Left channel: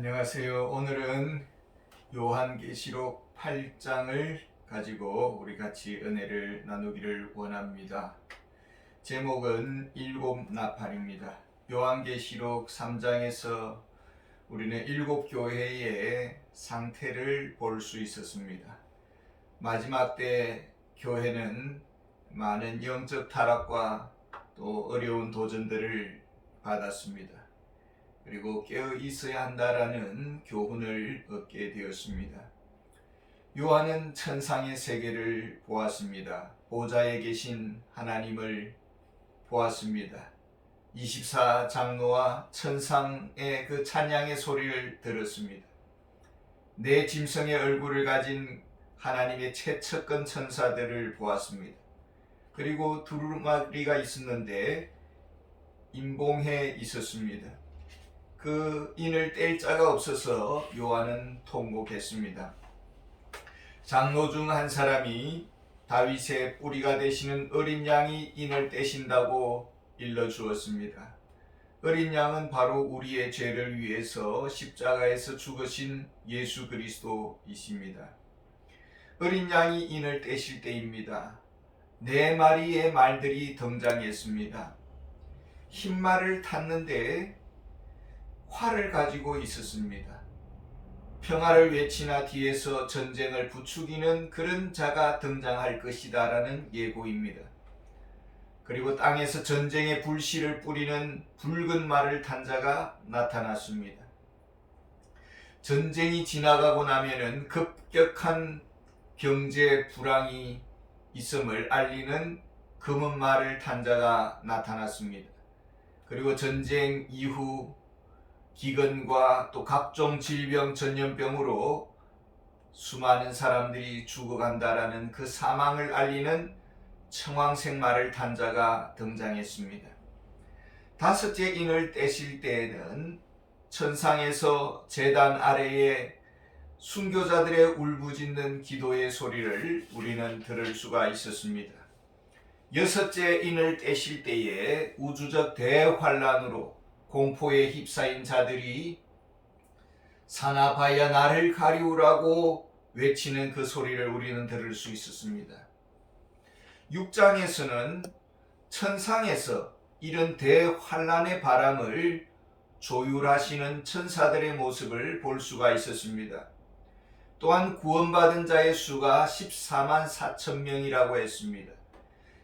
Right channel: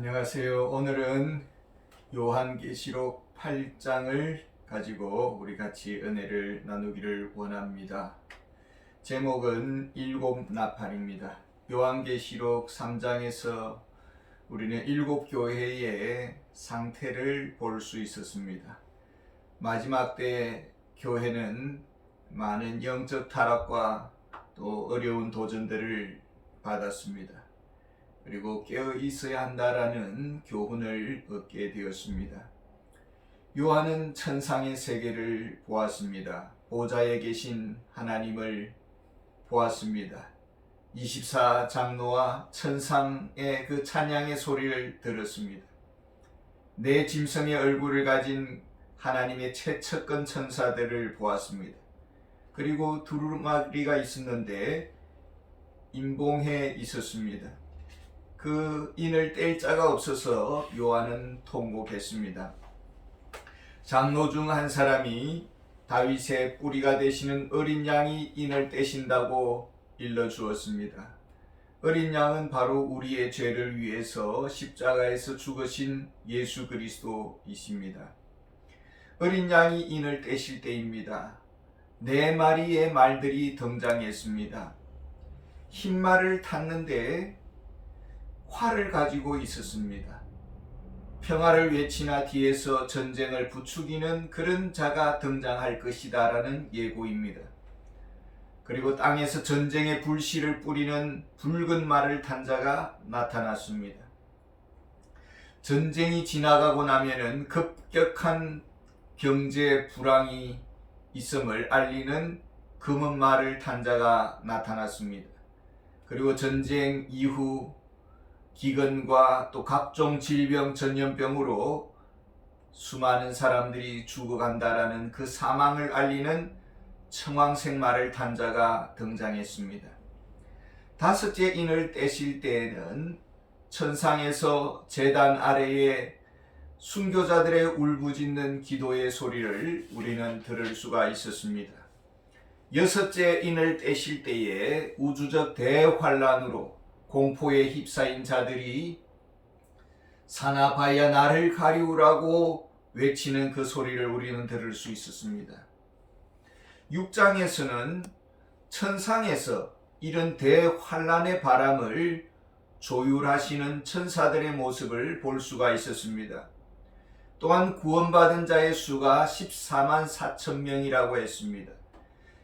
안녕하세요. 오늘은 요한계시록 8장을 가지고 우리 같이 은혜를 나누기를 원합니다. 제목은 일곱 나팔입니다. 요한계시록 3장에서 우리는 일곱 교회의 상태를 볼 수 있었습니다. 마지막 때 교회는 많은 영적 타락과 또 어려운 도전들을 받았습니다. 그리고 깨어 있어야 한다라는 교훈을 얻게 되었습니다. 요한은 천상의 세계를 보았습니다. 보좌에 계신 하나님을 보았습니다. 24장로와 천상의 그 찬양의 소리를 들었습니다. 네 짐승의 얼굴을 가진 하나님의 최측근 천사들을 보았습니다. 그리고 두루마리가 있었는데 임봉해 있었습니다. 그 인을 뗄 자가 없어서 요한은 통곡했습니다. 장로 중 한 사람이 다윗의 뿌리가 되시는 어린 양이 인을 떼신다고 일러주었습니다. 어린 양은 바로 우리의 죄를 위해서 십자가에서 죽으신 예수 그리스도이십니다. 어린 양이 인을 떼실 때입니다. 네 마리의 말들이 등장했습니다. 흰 말을 탔는데 활을 가지고 있었습니다. 평화를 외치나 뒤에서 전쟁을 부추기는 그런 자가 등장할 것이다 라는 예고입니다. 그리고 땅에서 전쟁의 불씨를 뿌리는 붉은 말을 탄 자가 나타났습니다. 전쟁이 지나가고 나면은 급격한 경제 불황이 있음을 알리는 검은 말을 탄 자가 나타났습니다. 그리고 전쟁 이후 기근과 또 각종 질병, 전염병으로 수많은 사람들이 죽어간다라는 그 사망을 알리는 청황색 말을 탄 자가 등장했습니다. 다섯째 인을 떼실 때에는 천상에서 제단 아래에 순교자들의 울부짖는 기도의 소리를 우리는 들을 수가 있었습니다. 여섯째 인을 떼실 때에 우주적 대환란으로 공포에 휩싸인 자들이 사나바야 나를 가리우라고 외치는 그 소리를 우리는 들을 수 있었습니다. 6장에서는 천상에서 이런 대환란의 바람을 조율하시는 천사들의 모습을 볼 수가 있었습니다. 또한 구원받은 자의 수가 14만 4천 명이라고 했습니다.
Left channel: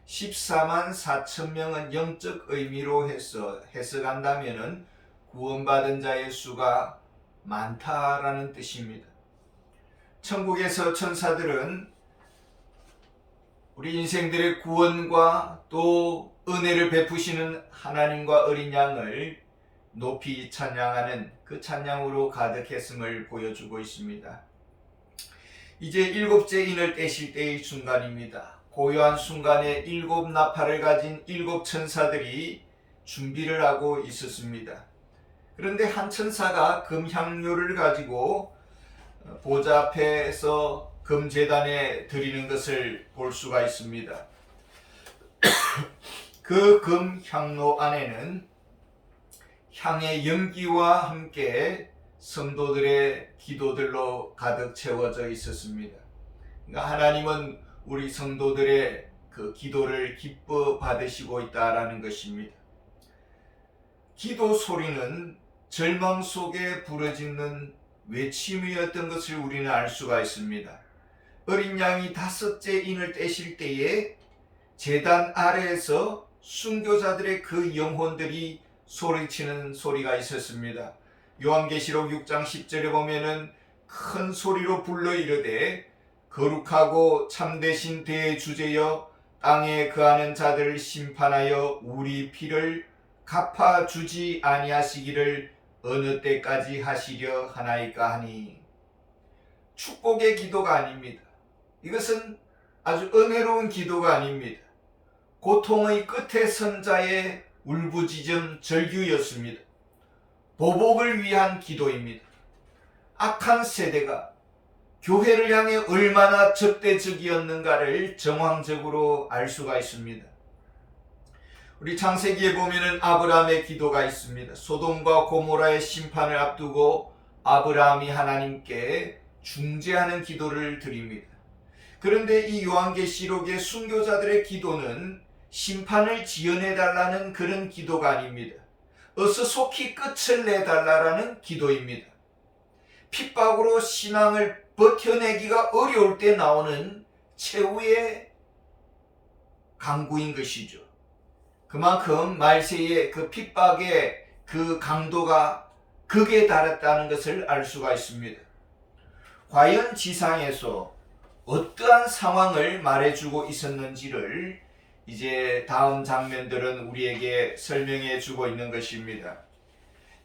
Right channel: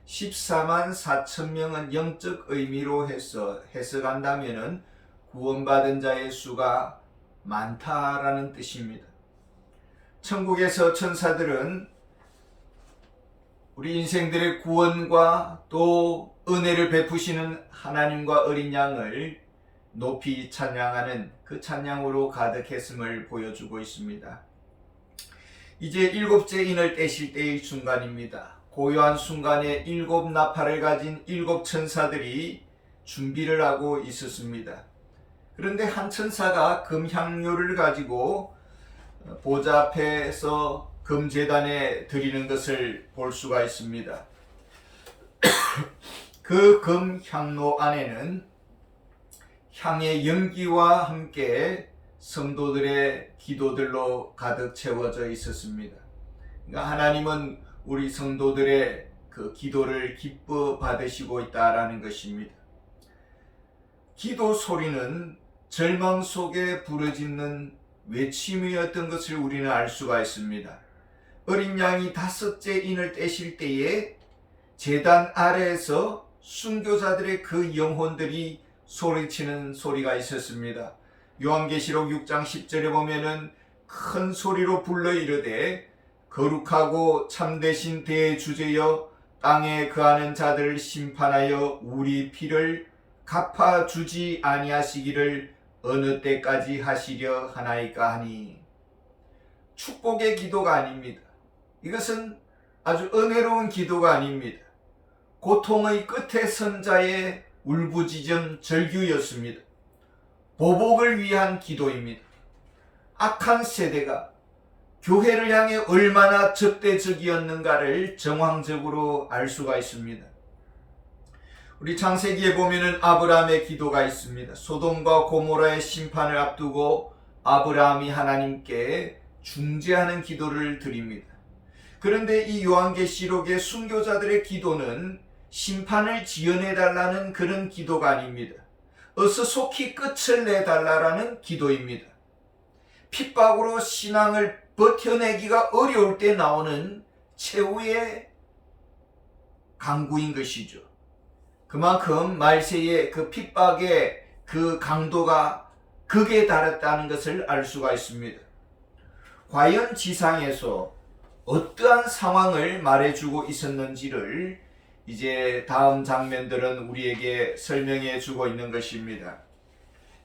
14만 4천 명은 영적 의미로 해석한다면 구원받은 자의 수가 많다라는 뜻입니다. 천국에서 천사들은 우리 인생들의 구원과 또 은혜를 베푸시는 하나님과 어린 양을 높이 찬양하는 그 찬양으로 가득했음을 보여주고 있습니다. 이제 일곱째 인을 떼실 때의 순간입니다. 고요한 순간에 일곱 나팔을 가진 일곱 천사들이 준비를 하고 있었습니다. 그런데 한 천사가 금향료를 가지고 보좌 앞에서 금제단에 드리는 것을 볼 수가 있습니다. 그 금향로 안에는 향의 연기와 함께 성도들의 기도들로 가득 채워져 있었습니다. 그러니까 하나님은 우리 성도들의 그 기도를 기뻐 받으시고 있다라는 것입니다. 기도 소리는 절망 속에 부르짖는 외침이었던 것을 우리는 알 수가 있습니다. 어린 양이 다섯째 인을 떼실 때에 제단 아래에서 순교자들의 그 영혼들이 소리치는 소리가 있었습니다. 요한계시록 6장 10절에 보면은 큰 소리로 불러 이르되 거룩하고 참되신 대주제여 땅에 거하는 자들을 심판하여 우리 피를 갚아주지 아니하시기를 어느 때까지 하시려 하나이까 하니. 축복의 기도가 아닙니다. 이것은 아주 은혜로운 기도가 아닙니다. 고통의 끝에 선 자의 울부짖음 절규였습니다. 보복을 위한 기도입니다. 악한 세대가 교회를 향해 얼마나 적대적이었는가를 정황적으로 알 수가 있습니다. 우리 창세기에 보면은 아브라함의 기도가 있습니다. 소돔과 고모라의 심판을 앞두고 아브라함이 하나님께 중재하는 기도를 드립니다. 그런데 이 요한계시록의 순교자들의 기도는 심판을 지연해달라는 그런 기도가 아닙니다. 어서 속히 끝을 내달라는 기도입니다. 핍박으로 신앙을 버텨내기가 어려울 때 나오는 최후의 강구인 것이죠. 그만큼 말세의 그 핍박의 그 강도가 극에 달했다는 것을 알 수가 있습니다. 과연 지상에서 어떠한 상황을 말해주고 있었는지를 이제 다음 장면들은 우리에게 설명해 주고 있는 것입니다.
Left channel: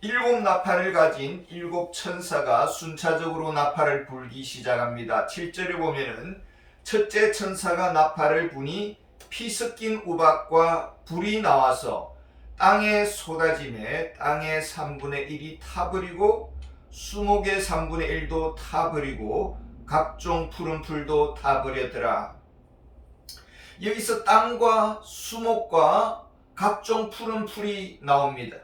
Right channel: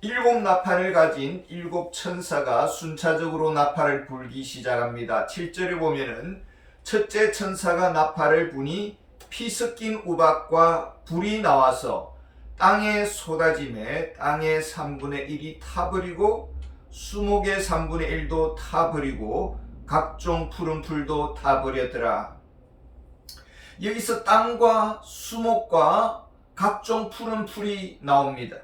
7 나팔을 가진 7 천사가 순차적으로 나팔을 불기 시작합니다. 7절에 보면은 첫째 천사가 나팔을 부니 피 섞인 우박과 불이 나와서 땅에 쏟아짐에 땅의 3분의 1이 타버리고 수목의 3분의 1도 타버리고 각종 푸른 풀도 타버렸더라. 여기서 땅과 수목과 각종 푸른 풀이 나옵니다.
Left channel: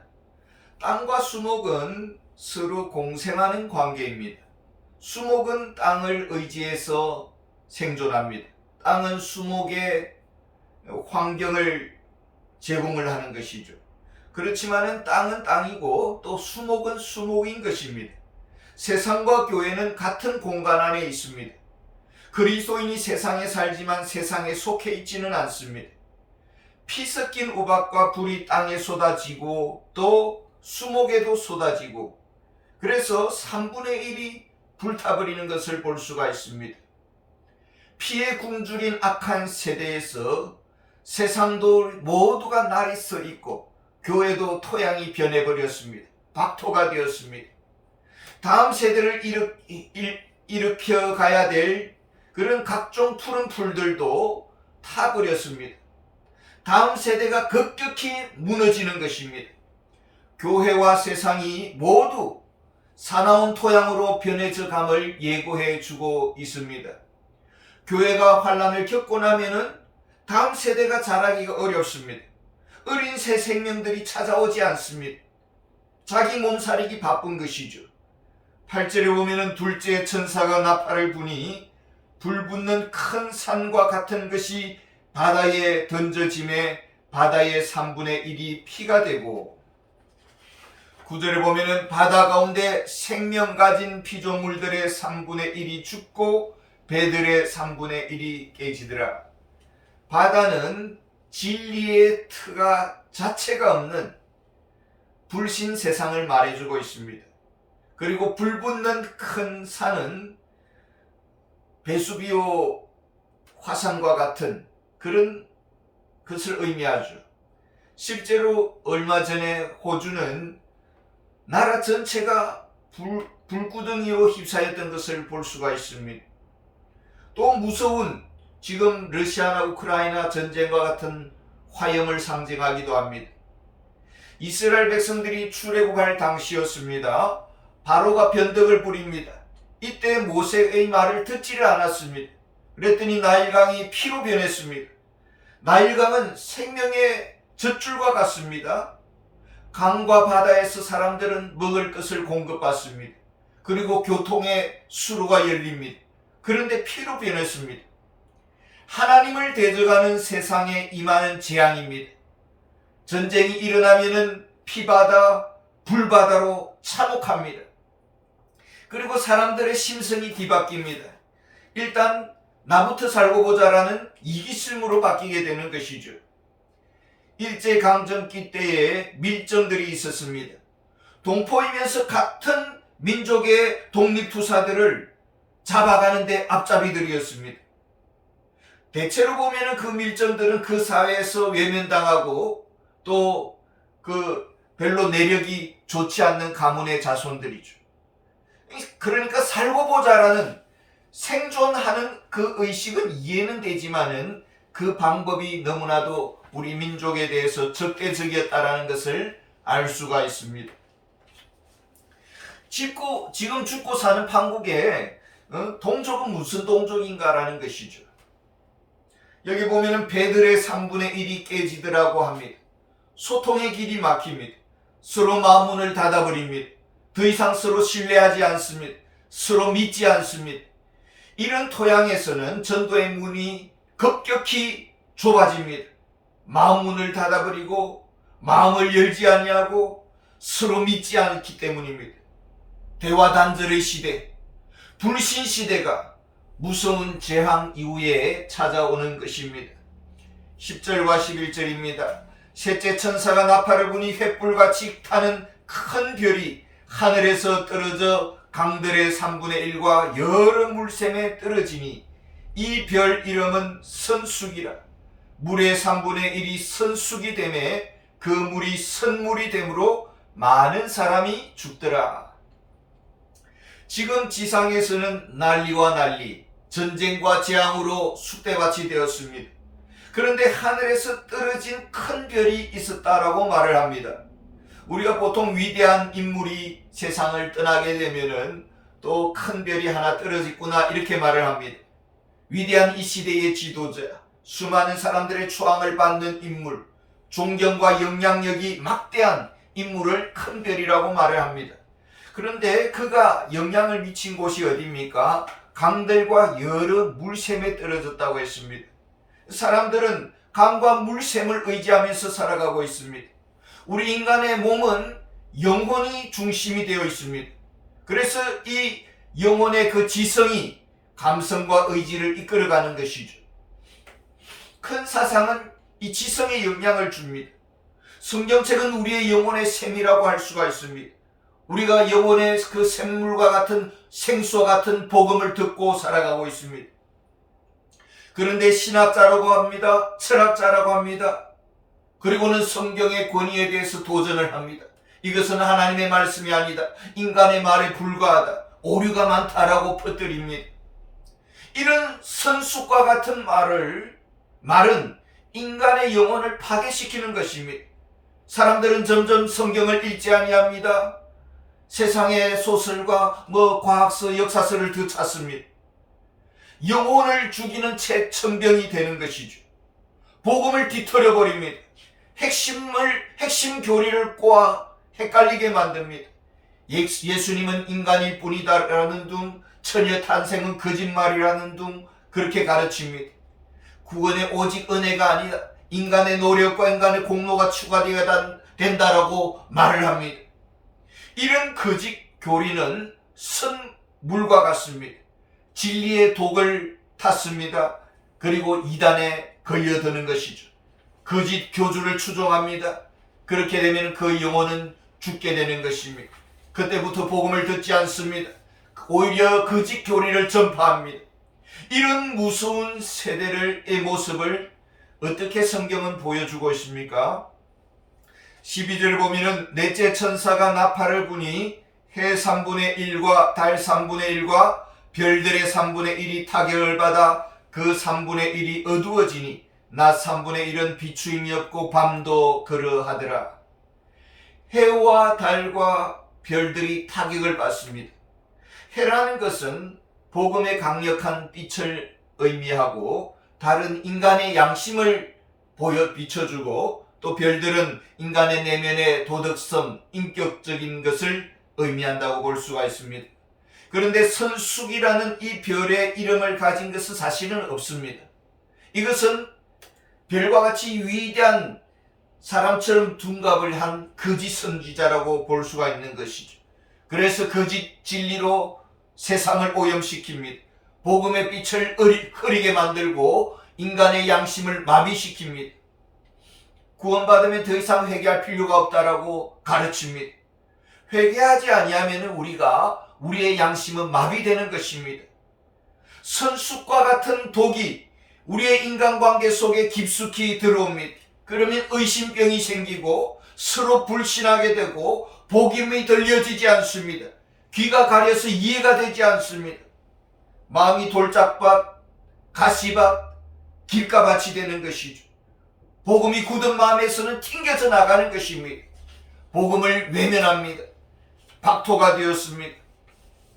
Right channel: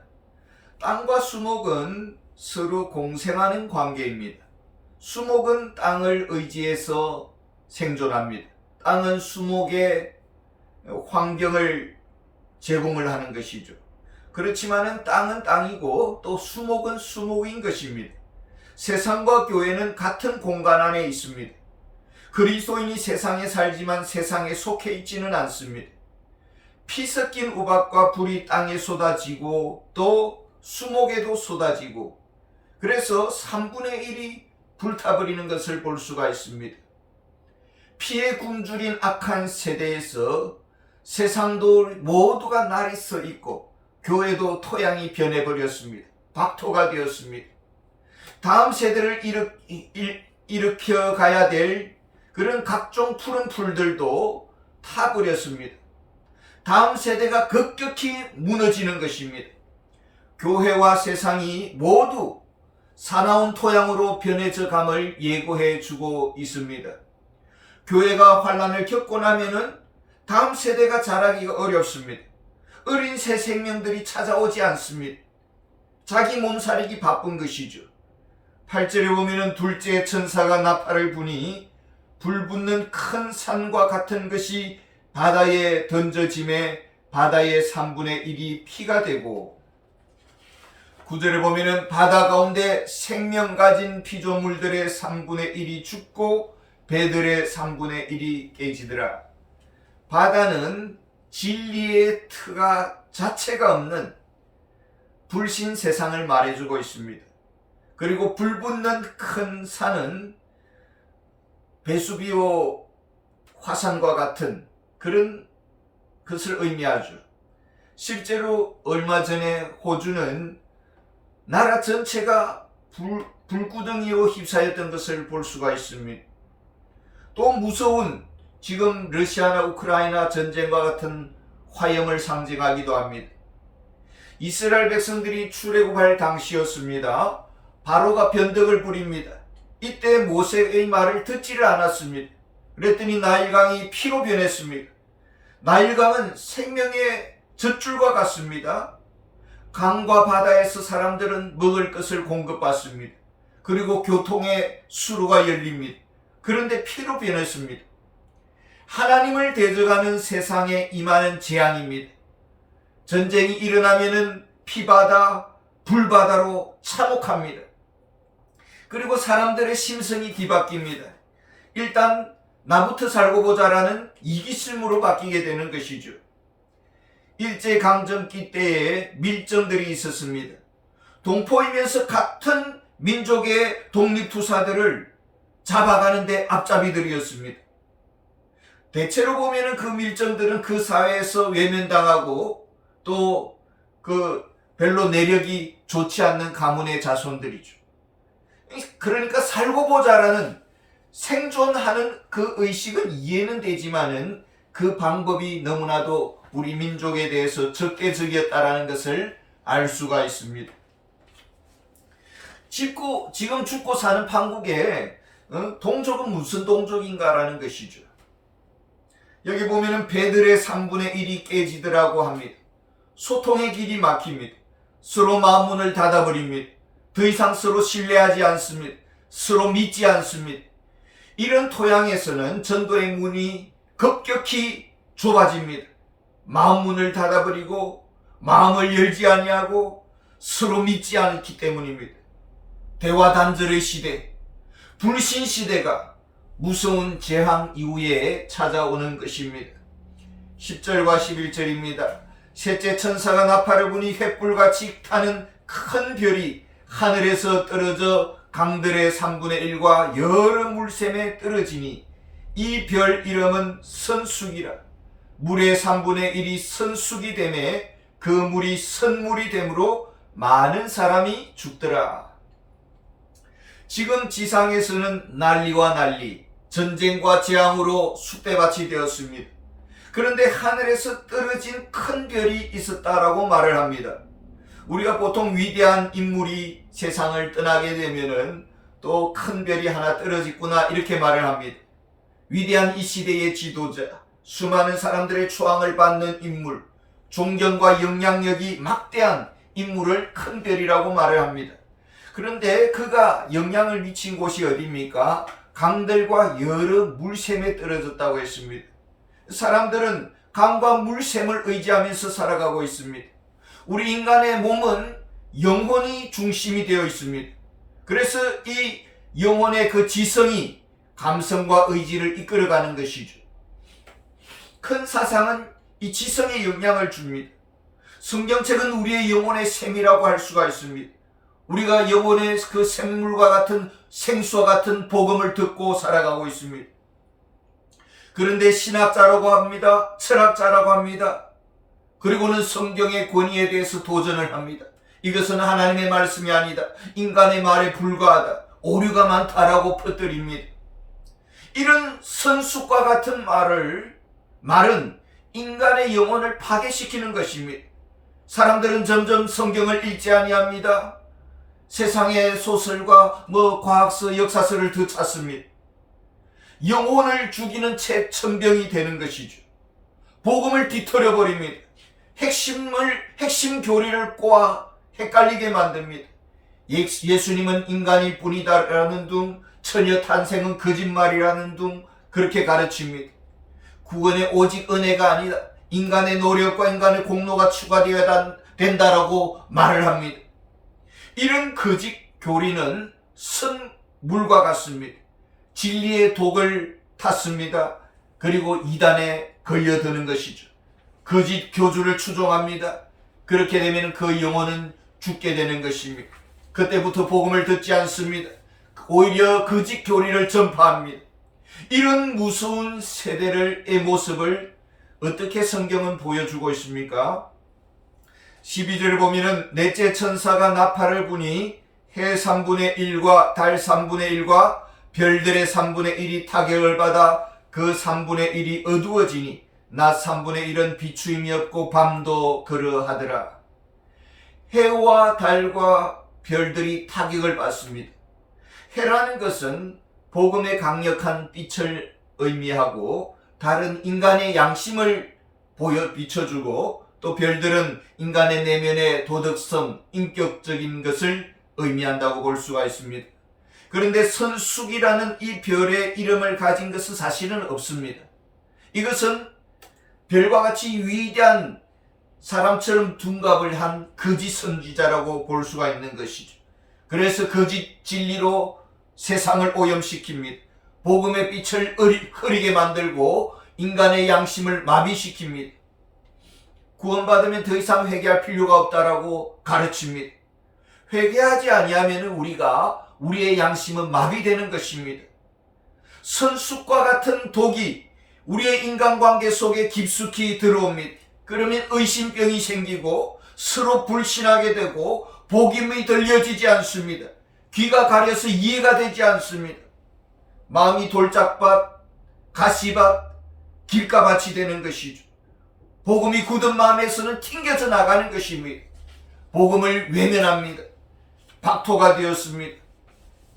땅과 수목은 서로 공생하는 관계입니다. 수목은 땅을 의지해서 생존합니다. 땅은 수목의 환경을 제공을 하는 것이죠. 그렇지만은 땅은 땅이고 또 수목은 수목인 것입니다. 세상과 교회는 같은 공간 안에 있습니다. 그리스도인이 세상에 살지만 세상에 속해 있지는 않습니다. 피 섞인 우박과 불이 땅에 쏟아지고 또 수목에도 쏟아지고 그래서 3분의 1이 불타버리는 것을 볼 수가 있습니다. 피에 굶주린 악한 세대에서 세상도 모두가 날이 서 있고 교회도 토양이 변해버렸습니다. 박토가 되었습니다. 다음 세대를 일으켜 가야 될 그런 각종 푸른 풀들도 타버렸습니다. 다음 세대가 급격히 무너지는 것입니다. 교회와 세상이 모두 사나운 토양으로 변해져 감을 예고해 주고 있습니다. 교회가 환난을 겪고 나면은 다음 세대가 자라기가 어렵습니다. 어린 새 생명들이 찾아오지 않습니다. 자기 몸살이기 바쁜 것이죠. 8절에 보면은 둘째 천사가 나팔을 부니 불붙는 큰 산과 같은 것이 바다에 던져짐에 바다의 3분의 1이 피가 되고 9절에 보면은 바다 가운데 생명 가진 피조물들의 3분의 1이 죽고 배들의 3분의 1이 깨지더라. 바다는 진리의 트가 자체가 없는 불신 세상을 말해주고 있습니다. 그리고 불붙는 큰 산은 베수비오 화산과 같은 그런 것을 의미하죠. 실제로 얼마 전에 호주는 나라 전체가 불구덩이로 휩싸였던 것을 볼 수가 있습니다. 또 무서운 지금 러시아나 우크라이나 전쟁과 같은 화염을 상징하기도 합니다. 이스라엘 백성들이 출애굽할 당시였습니다. 바로가 변덕을 부립니다. 이때 모세의 말을 듣지를 않았습니다. 그랬더니 나일강이 피로 변했습니다. 나일강은 생명의 젖줄과 같습니다. 강과 바다에서 사람들은 먹을 것을 공급받습니다. 그리고 교통의 수로가 열립니다. 그런데 피로 변했습니다. 하나님을 대적하는 세상에 임하는 재앙입니다. 전쟁이 일어나면은 피바다, 불바다로 참혹합니다. 그리고 사람들의 심성이 뒤바뀝니다. 일단 나부터 살고 보자라는 이기심으로 바뀌게 되는 것이죠. 일제강점기 때에 밀정들이 있었습니다. 동포이면서 같은 민족의 독립투사들을 잡아가는데 앞잡이들이었습니다. 대체로 보면은 그 밀정들은 그 사회에서 외면당하고 또 별로 내력이 좋지 않는 가문의 자손들이죠. 그러니까 살고 보자라는 생존하는 그 의식은 이해는 되지만은 그 방법이 너무나도 우리 민족에 대해서 적대적이었다라는 것을 알 수가 있습니다. 지금 죽고 사는 판국에 동족은 무슨 동족인가라는 것이죠. 여기 보면은 배들의 3분의 1이 깨지더라고 합니다. 소통의 길이 막힙니다. 서로 마음문을 닫아버립니다. 더 이상 서로 신뢰하지 않습니다. 서로 믿지 않습니다. 이런 토양에서는 전도의 문이 급격히 좁아집니다. 마음 문을 닫아버리고 마음을 열지 아니하고 서로 믿지 않기 때문입니다. 대화 단절의 시대, 불신 시대가 무서운 재앙 이후에 찾아오는 것입니다. 10절과 11절입니다. 셋째 천사가 나팔을 부니 횃불같이 타는 큰 별이 하늘에서 떨어져 강들의 3분의 1과 여러 물샘에 떨어지니 이 별 이름은 선숙이라. 물의 3분의 1이 선숙이 되매 그 물이 선물이 되므로 많은 사람이 죽더라. 지금 지상에서는 난리와 난리, 전쟁과 재앙으로 쑥대밭이 되었습니다. 그런데 하늘에서 떨어진 큰 별이 있었다라고 말을 합니다. 우리가 보통 위대한 인물이 세상을 떠나게 되면은 또 큰 별이 하나 떨어졌구나 이렇게 말을 합니다. 위대한 이 시대의 지도자, 수많은 사람들의 초항을 받는 인물, 존경과 영향력이 막대한 인물을 큰 별이라고 말을 합니다. 그런데 그가 영향을 미친 곳이 어디입니까? 강들과 여러 물샘에 떨어졌다고 했습니다. 사람들은 강과 물샘을 의지하면서 살아가고 있습니다. 우리 인간의 몸은 영혼이 중심이 되어 있습니다. 그래서 이 영혼의 그 지성이 감성과 의지를 이끌어가는 것이죠. 큰 사상은 이 지성에 영향을 줍니다. 성경책은 우리의 영혼의 샘이라고 할 수가 있습니다. 우리가 영혼의 그 샘물과 같은 생수와 같은 복음을 듣고 살아가고 있습니다. 그런데 신학자라고 합니다. 철학자라고 합니다. 그리고는 성경의 권위에 대해서 도전을 합니다. 이것은 하나님의 말씀이 아니다. 인간의 말에 불과하다. 오류가 많다라고 퍼뜨립니다. 이런 선숙과 같은 말은 인간의 영혼을 파괴시키는 것입니다. 사람들은 점점 성경을 읽지 아니합니다. 세상의 소설과 과학서, 역사서를 더 찾습니다. 영혼을 죽이는 책 천병이 되는 것이죠. 복음을 뒤틀어 버립니다. 핵심 교리를 꼬아 헷갈리게 만듭니다. 예수님은 인간일 뿐이다라는 둥, 처녀 탄생은 거짓말이라는 둥 그렇게 가르칩니다. 구원의 오직 은혜가 아니다. 인간의 노력과 인간의 공로가 추가되어야 된다라고 말을 합니다. 이런 거짓 교리는 선물과 같습니다. 진리의 독을 탔습니다. 그리고 이단에 걸려드는 것이죠. 거짓 교주를 추종합니다. 그렇게 되면 그 영혼은 죽게 되는 것입니다. 그때부터 복음을 듣지 않습니다. 오히려 거짓 교리를 전파합니다. 이런 무서운 세대의 모습을 어떻게 성경은 보여주고 있습니까? 12절을 보면은 넷째 천사가 나팔을 부니 해 3분의 1과 달 3분의 1과 별들의 3분의 1이 타격을 받아 그 3분의 1이 어두워지니 낮 3분의 1은 비추임이 없고 밤도 그러하더라. 해와 달과 별들이 타격을 받습니다. 해라는 것은 복음의 강력한 빛을 의미하고 달은 인간의 양심을 비춰주고 또 별들은 인간의 내면의 도덕성, 인격적인 것을 의미한다고 볼 수가 있습니다. 그런데 선숙이라는 이 별의 이름을 가진 것은 사실은 없습니다. 이것은 별과 같이 위대한 사람처럼 둔갑을 한 거짓 선지자라고 볼 수가 있는 것이죠. 그래서 거짓 진리로 세상을 오염시킵니다. 복음의 빛을 흐리게 만들고 인간의 양심을 마비시킵니다. 구원받으면 더 이상 회개할 필요가 없다라고 가르칩니다. 회개하지 아니하면 우리의 양심은 마비되는 것입니다. 선숙과 같은 독이 우리의 인간관계 속에 깊숙이 들어옵니다. 그러면 의심병이 생기고 서로 불신하게 되고 복음이 들려지지 않습니다. 귀가 가려서 이해가 되지 않습니다. 마음이 돌짝밭, 가시밭, 길가밭이 되는 것이죠. 복음이 굳은 마음에서는 튕겨져 나가는 것입니다. 복음을 외면합니다. 박토가 되었습니다.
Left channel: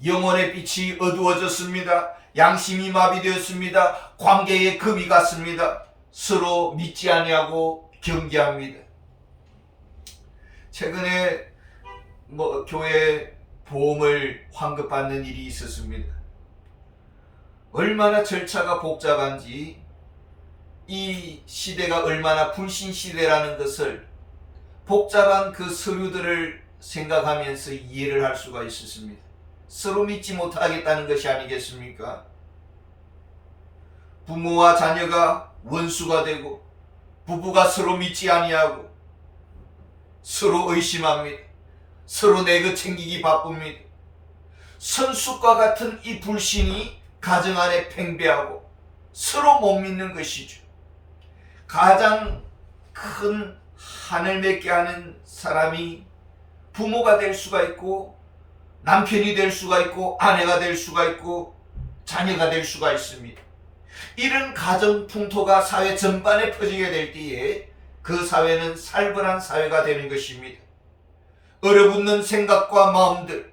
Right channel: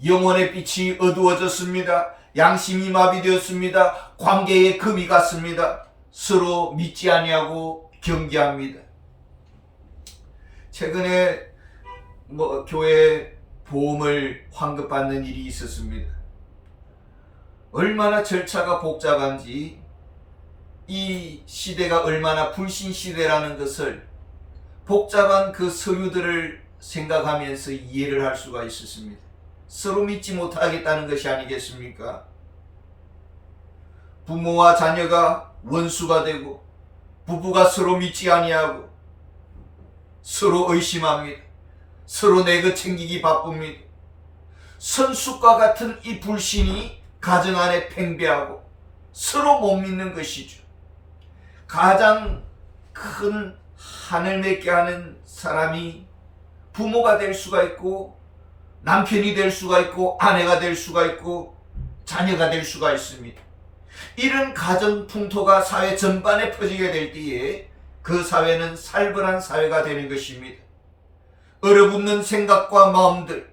영혼의 빛이 어두워졌습니다. 양심이 마비되었습니다. 관계에 금이 갔습니다. 서로 믿지 아니하고 경계합니다. 최근에 교회 보험을 환급받는 일이 있었습니다. 얼마나 절차가 복잡한지, 이 시대가 얼마나 불신 시대라는 것을 복잡한 그 서류들을 생각하면서 이해를 할 수가 있었습니다. 서로 믿지 못하겠다는 것이 아니겠습니까? 부모와 자녀가 원수가 되고 부부가 서로 믿지 아니하고 서로 의심합니다. 서로 내 것 챙기기 바쁩니다. 선숫과 같은 이 불신이 가정 안에 팽배하고 서로 못 믿는 것이죠. 가장 큰 한을 맺게 하는 사람이 부모가 될 수가 있고 남편이 될 수가 있고 아내가 될 수가 있고 자녀가 될 수가 있습니다. 이런 가정 풍토가 사회 전반에 퍼지게 될 때에 그 사회는 살벌한 사회가 되는 것입니다. 얼어붙는 생각과 마음들,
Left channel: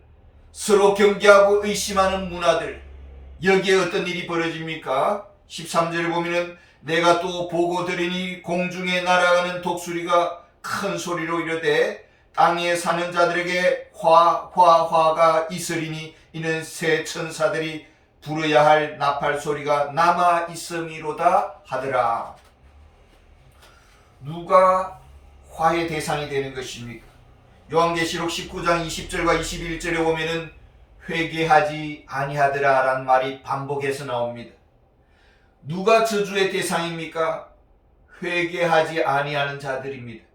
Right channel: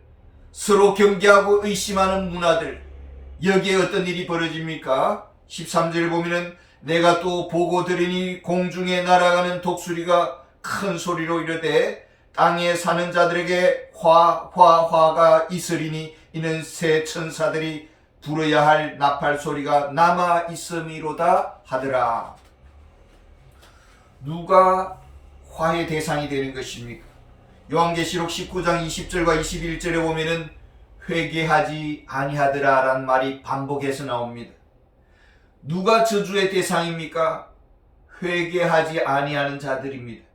서로 경계하고 의심하는 문화들, 여기에 어떤 일이 벌어집니까? 13절 보면은 내가 또 보고 들으니 공중에 날아가는 독수리가 큰 소리로 이르되 땅에 사는 자들에게 화가 있으리니 이는 새 천사들이 부르야 할 나팔 소리가 남아 있음이로다 하더라. 누가 화의 대상이 되는 것입니까? 요한계시록 19장 20절과 21절에 보면은 회개하지 아니하더라 라는 말이 반복해서 나옵니다. 누가 저주의 대상입니까? 회개하지 아니하는 자들입니다.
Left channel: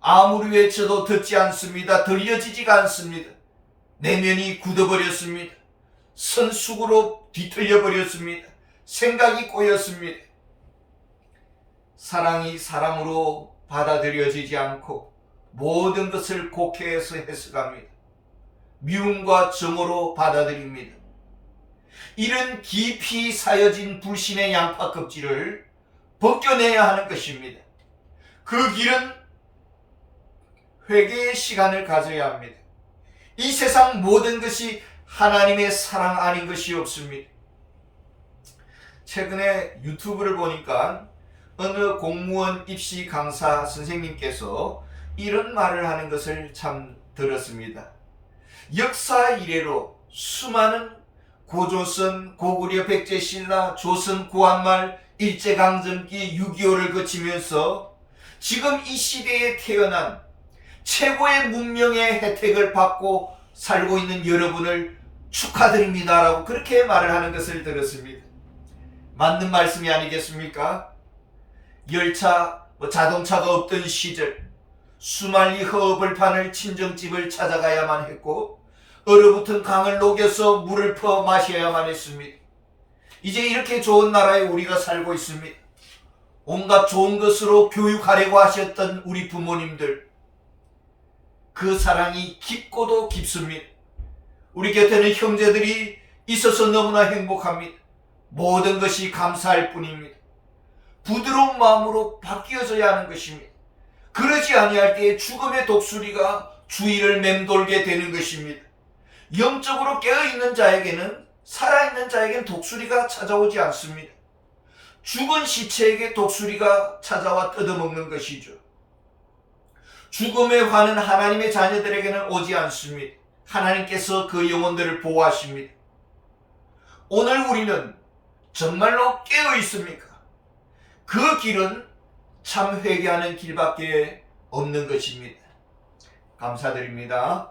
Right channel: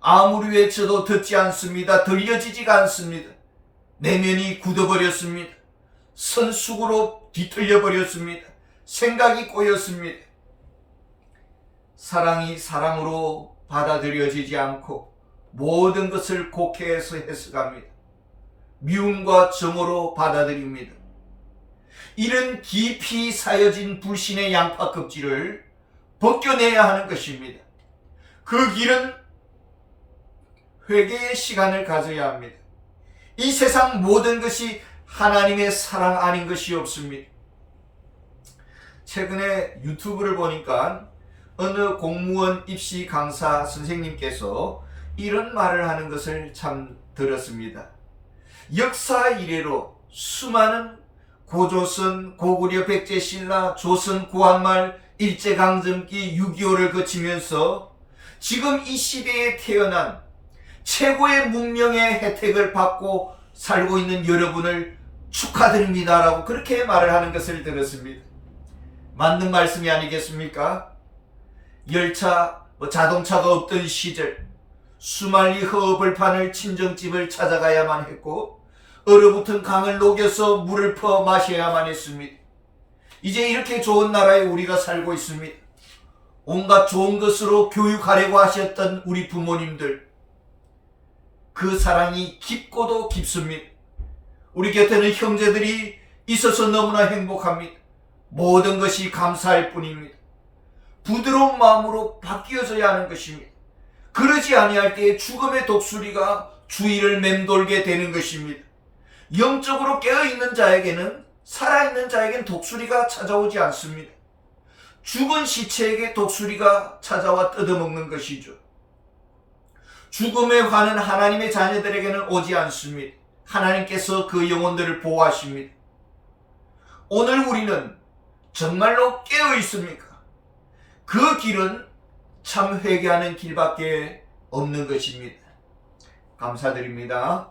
아무리 외쳐도 듣지 않습니다. 들려지지가 않습니다. 내면이 굳어버렸습니다. 선숙으로 뒤틀려 버렸습니다. 생각이 꼬였습니다. 사랑이 사랑으로 받아들여지지 않고 모든 것을 곡해해서 해석합니다. 미움과 정으로 받아들입니다. 이런 깊이 사여진 불신의 양파 껍질을 벗겨내야 하는 것입니다. 그 길은 회개의 시간을 가져야 합니다. 이 세상 모든 것이 하나님의 사랑 아닌 것이 없습니다. 최근에 유튜브를 보니까 어느 공무원 입시 강사 선생님께서 이런 말을 하는 것을 참 들었습니다. 역사 이래로 수많은 고조선, 고구려, 백제신라, 조선, 구한말, 일제강점기, 6.25를 거치면서 지금 이 시대에 태어난 최고의 문명의 혜택을 받고 살고 있는 여러분을 축하드립니다 라고 그렇게 말을 하는 것을 들었습니다. 맞는 말씀이 아니겠습니까? 열차, 자동차가 없던 시절 수말리 허업을 파는 친정집을 찾아가야만 했고 얼어붙은 강을 녹여서 물을 퍼 마셔야만 했습니다. 이제 이렇게 좋은 나라에 우리가 살고 있습니다. 온갖 좋은 것으로 교육하려고 하셨던 우리 부모님들, 그 사랑이 깊고도 깊습니다. 우리 곁에는 형제들이 있어서 너무나 행복합니다. 모든 것이 감사할 뿐입니다. 부드러운 마음으로 바뀌어져야 하는 것입니다. 그러지 아니할 때에 죽음의 독수리가 주위를 맴돌게 되는 것입니다. 영적으로 깨어있는 자에게는, 살아있는 자에게는 독수리가 찾아오지 않습니다. 죽은 시체에게 독수리가 찾아와 뜯어먹는 것이죠. 죽음의 화는 하나님의 자녀들에게는 오지 않습니다. 하나님께서 그 영혼들을 보호하십니다. 오늘 우리는 정말로 깨어 있습니까? 그 길은 참 회개하는 길밖에 없는 것입니다. 감사드립니다.